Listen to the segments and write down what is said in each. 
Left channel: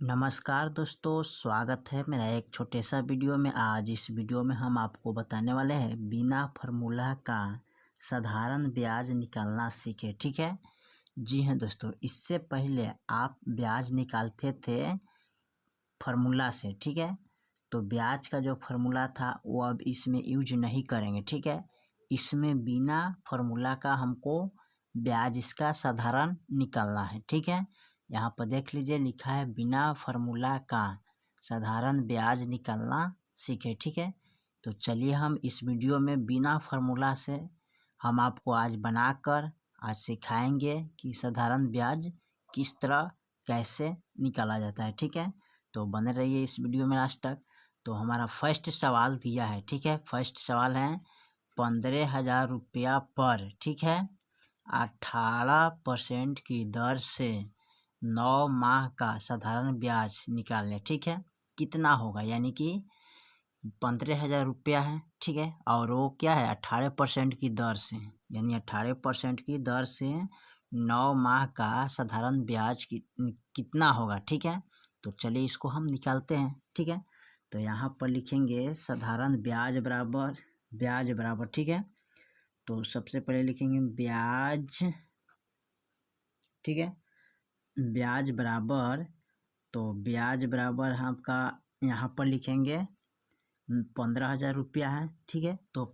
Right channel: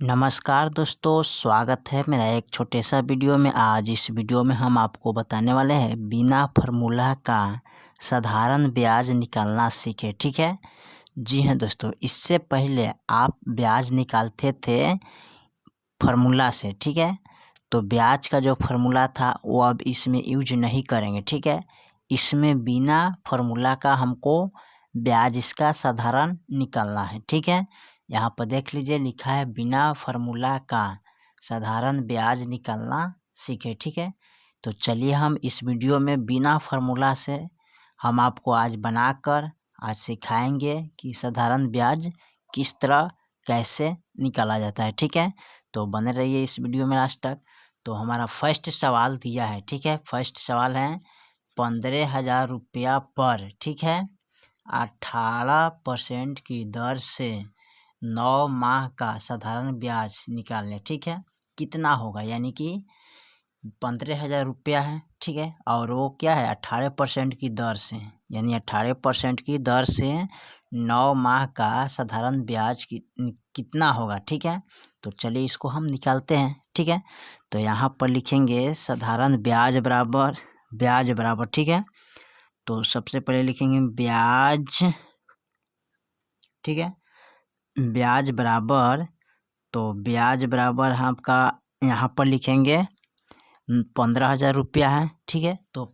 नमस्कार दोस्तों, स्वागत है मेरा एक छोटे सा वीडियो में। आज इस वीडियो में हम आपको बताने वाले हैं बिना फार्मूला का साधारण ब्याज निकालना सीखें। ठीक है जी हाँ दोस्तों, इससे पहले आप ब्याज निकालते थे फार्मूला से। ठीक है, तो ब्याज का जो फार्मूला था वो अब इसमें यूज नहीं करेंगे। ठीक है, इसमें बिना फार्मूला का हमको ब्याज इसका साधारण निकालना है। ठीक है, यहाँ पर देख लीजिए लिखा है बिना फार्मूला का साधारण ब्याज निकालना सीखे। ठीक है, तो चलिए हम इस वीडियो में बिना फार्मूला से हम आपको आज बनाकर आज सिखाएंगे कि साधारण ब्याज किस तरह कैसे निकाला जाता है। ठीक है, तो बने रहिए इस वीडियो में लास्ट तक। तो हमारा फर्स्ट सवाल दिया है। ठीक है, फर्स्ट सवाल है 15,000 रुपया पर, ठीक है, 18% की दर से 9 माह का साधारण ब्याज निकालें। ठीक है, कितना होगा, यानी कि 15,000 रुपया है। ठीक है, और वो क्या है 18% की दर से, यानी 18% की दर से 9 माह का साधारण ब्याज कितना होगा। ठीक है, तो चलिए इसको हम निकालते हैं। ठीक है, तो यहाँ पर लिखेंगे साधारण ब्याज बराबर। ठीक है, तो सबसे पहले लिखेंगे ब्याज। ठीक है, ब्याज बराबर, तो ब्याज बराबर आपका यहाँ पर लिखेंगे 15,000 रुपया है। ठीक है, तो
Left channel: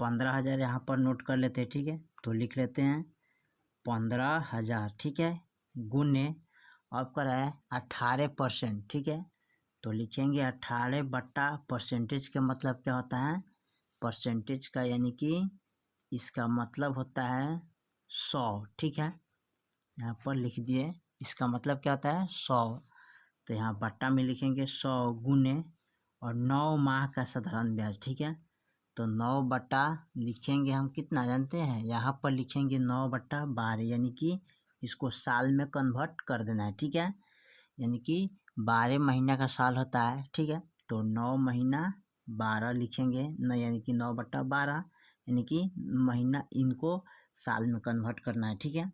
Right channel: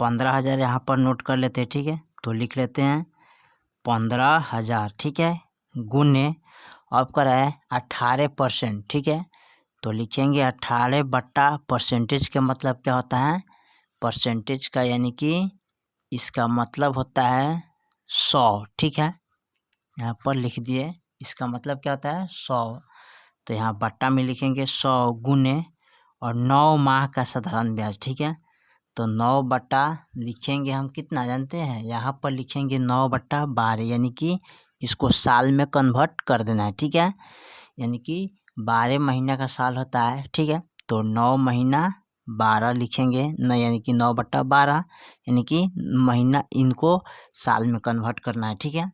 15,000 यहाँ पर नोट कर लेते हैं। ठीक है, तो लिख लेते हैं 15,000। ठीक है, गुने अब कर है 18%। ठीक है, तो लिखेंगे 18/परसेंटेज का मतलब क्या होता है, परसेंटेज का, यानी कि इसका मतलब होता है 100। ठीक है, यहाँ पर लिख दिए, इसका मतलब क्या होता है 100। तो यहाँ बट्टा में लिखेंगे 100 गुने और 9 माह का साधारण ब्याज। ठीक है, तो 9 बट्टा लिखेंगे हम कितना जानते हैं, यहाँ पर लिखेंगे 9/12, यानी कि इसको साल में कन्वर्ट कर देना है। ठीक है, यानी कि 12 महीना का साल होता है। ठीक है, तो 9 महीना 12 लिखेंगे न, यानी कि 9/12, यानी कि महीना इनको साल में कन्वर्ट करना है। ठीक है,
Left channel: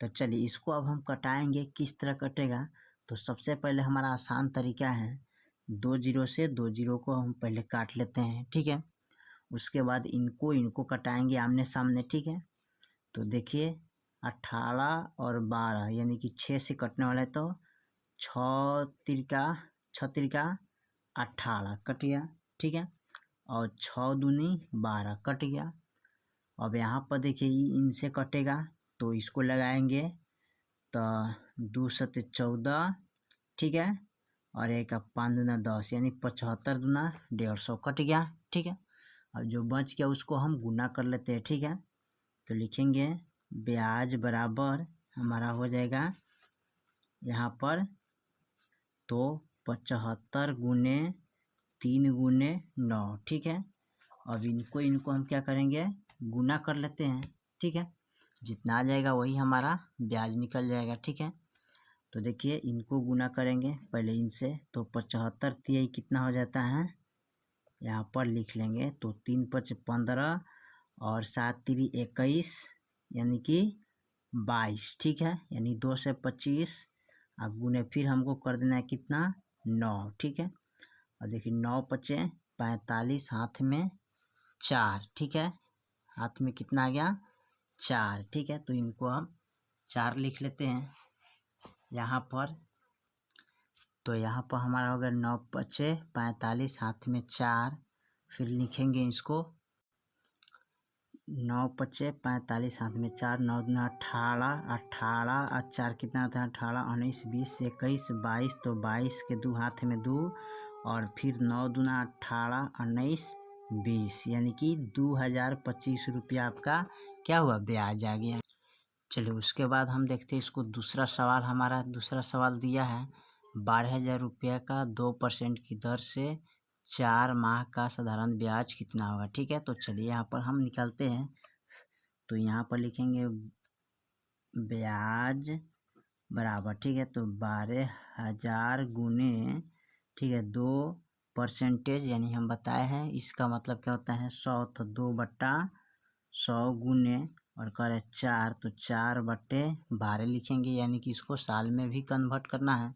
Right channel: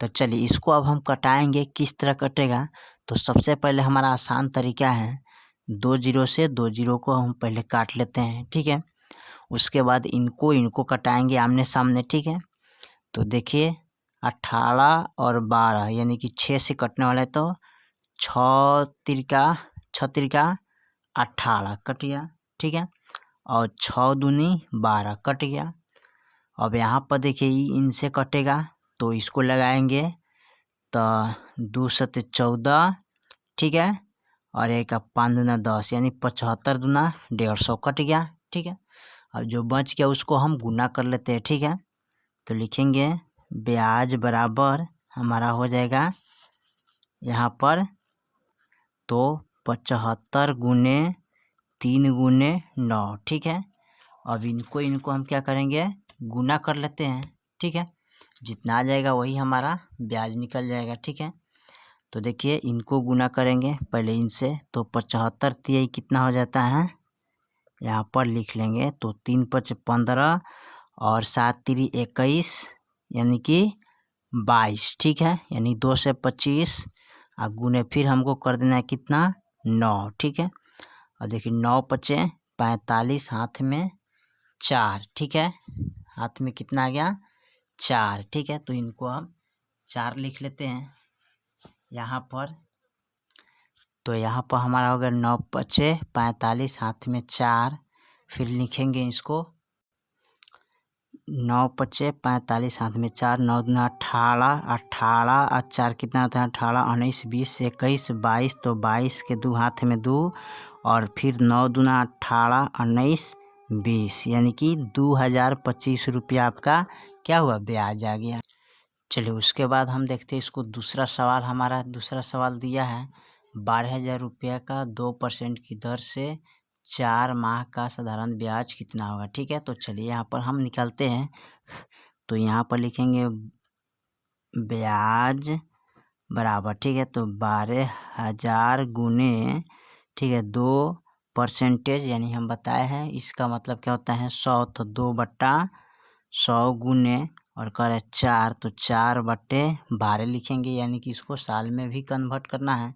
तो चलिए इसको अब हम कटाएंगे, किस तरह कटेगा। तो सबसे पहले हमारा आसान तरीका है 2 जीरो से 2 जीरो को हम पहले काट लेते हैं। ठीक है, उसके बाद इनको कटाएंगे आमने सामने। ठीक है, तो देखिए 18 और 12 यानी कि 6 से कटने वाला है, तो 6 तिरका 18 कट गया। ठीक है, और 6 दूनी 12 कट गया। अब यहाँ पर देखिए इनसे कटेगा, तो इसको लगाएंगे तो 2 सत्ते 14। ठीक है, और 1 का 5 दूना 10, यानी 75 दूना 150 कट गया। ठीक है, अब जो बच गया उसको हम गुना कर लेते हैं। ठीक है, तो लिखेंगे ब्याज बराबर हमारा हो जाएगा यहाँ पर, तो 75 गुने 3 गुने 9। ठीक है, अब इनको हम क्या करेंगे, गुना कर लेते हैं। ठीक है, जितना आ जाएगा वही हमारा ब्याज निकल जाएगा। ठीक है, तो देखिए इनको गुना करेंगे पहले इनसे, तो 75 तिहाई कितना हो जाता है, यहाँ पर लिख लेंगे, तो 3 5 15 और 7 3 21, यानी कि 22। ठीक है, यानी 2 से 25 और गुने फिर हमको कर देना है कितना 9। ठीक है, और देखिए 9 पचे 45, हाथ में 4। ठीक है, हाथ में कितना आ गया 4। ठीक है, तो इनको हम 4 लिख लेते हैं यहाँ पर। तो यहाँ पर हमारा हो गया 9 पचे 45, हाथ में 4। फिर लिखेंगे इसको 9 पचे 45, हाथ में 4, 9 दूना 18, 18 और 4 कितना होता है 18, 19 20 21 22, तो 22 के 2 हाथ में 2, और फिर 9 दूना 18 19 20, यानी कि 2025 रुपया आपका क्या हुआ, ब्याज आ गया। चलिए उसके बाद हम देखते हैं इसको दूसरा सवाल। हमारा दूसरा सवाल दिया है 12,000 रुपया का 2% की दर से 4 माह का साधारण ब्याज कितना होगा। ठीक है, तो चलिए यहाँ पर हम निकालते हैं। तो यहाँ पर लिखेंगे ब्याज बराबर, ठीक है, तो 12,000 गुने, ठीक है, 2%, यानी हम बताए हैं इसका मतलब क्या होता है 100, तो 2/100 गुने और कह रहे 4, तो 4/12 लिखेंगे, यानी कि इसको साल में भी कन्वर्ट करना है।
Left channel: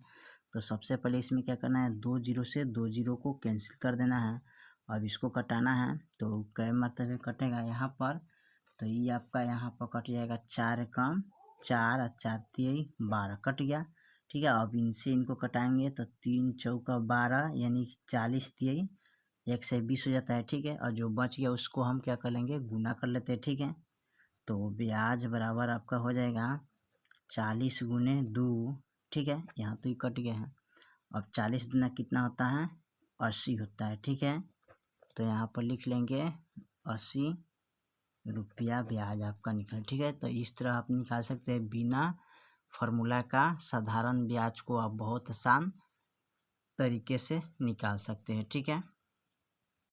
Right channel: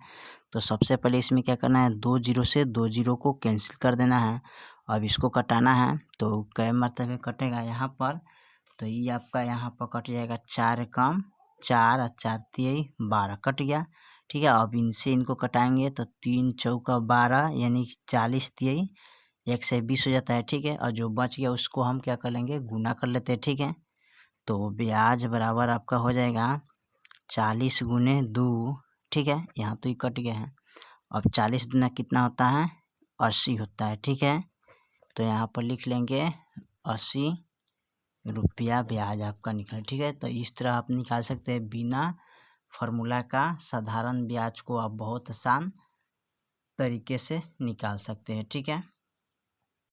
तो सबसे पहले इसमें क्या करना है, 2 जीरो से 2 जीरो को कैंसिल कर देना है। अब इसको कटाना है तो कै मरतबे कटेगा यहाँ पर, तो ये आपका यहाँ पर कट जाएगा 4 कम 4 और 4 तिहाई 12 कट गया। ठीक है, अब इनसे इनको कटाएंगे तो 3 चौका 12 यानी 40 तिहाई 120 हो जाता है। ठीक है, और जो बच गया उसको हम क्या कर लेंगे, गुना कर लेते हैं। ठीक है, तो ब्याज बराबर आपका हो जाएगा 40 गुने 2। ठीक है, यहाँ तो ये कट गया है। अब 40 दूना कितना होता है, 80 होता है। ठीक है, तो यहाँ पर लिख लेंगे 80 रुपया ब्याज आपका निकला। ठीक है, तो इस तरह आप निकाल सकते हैं बिना फार्मूला का साधारण ब्याज को आप बहुत आसान तरीके से निकाल सकते हैं। ठीक है।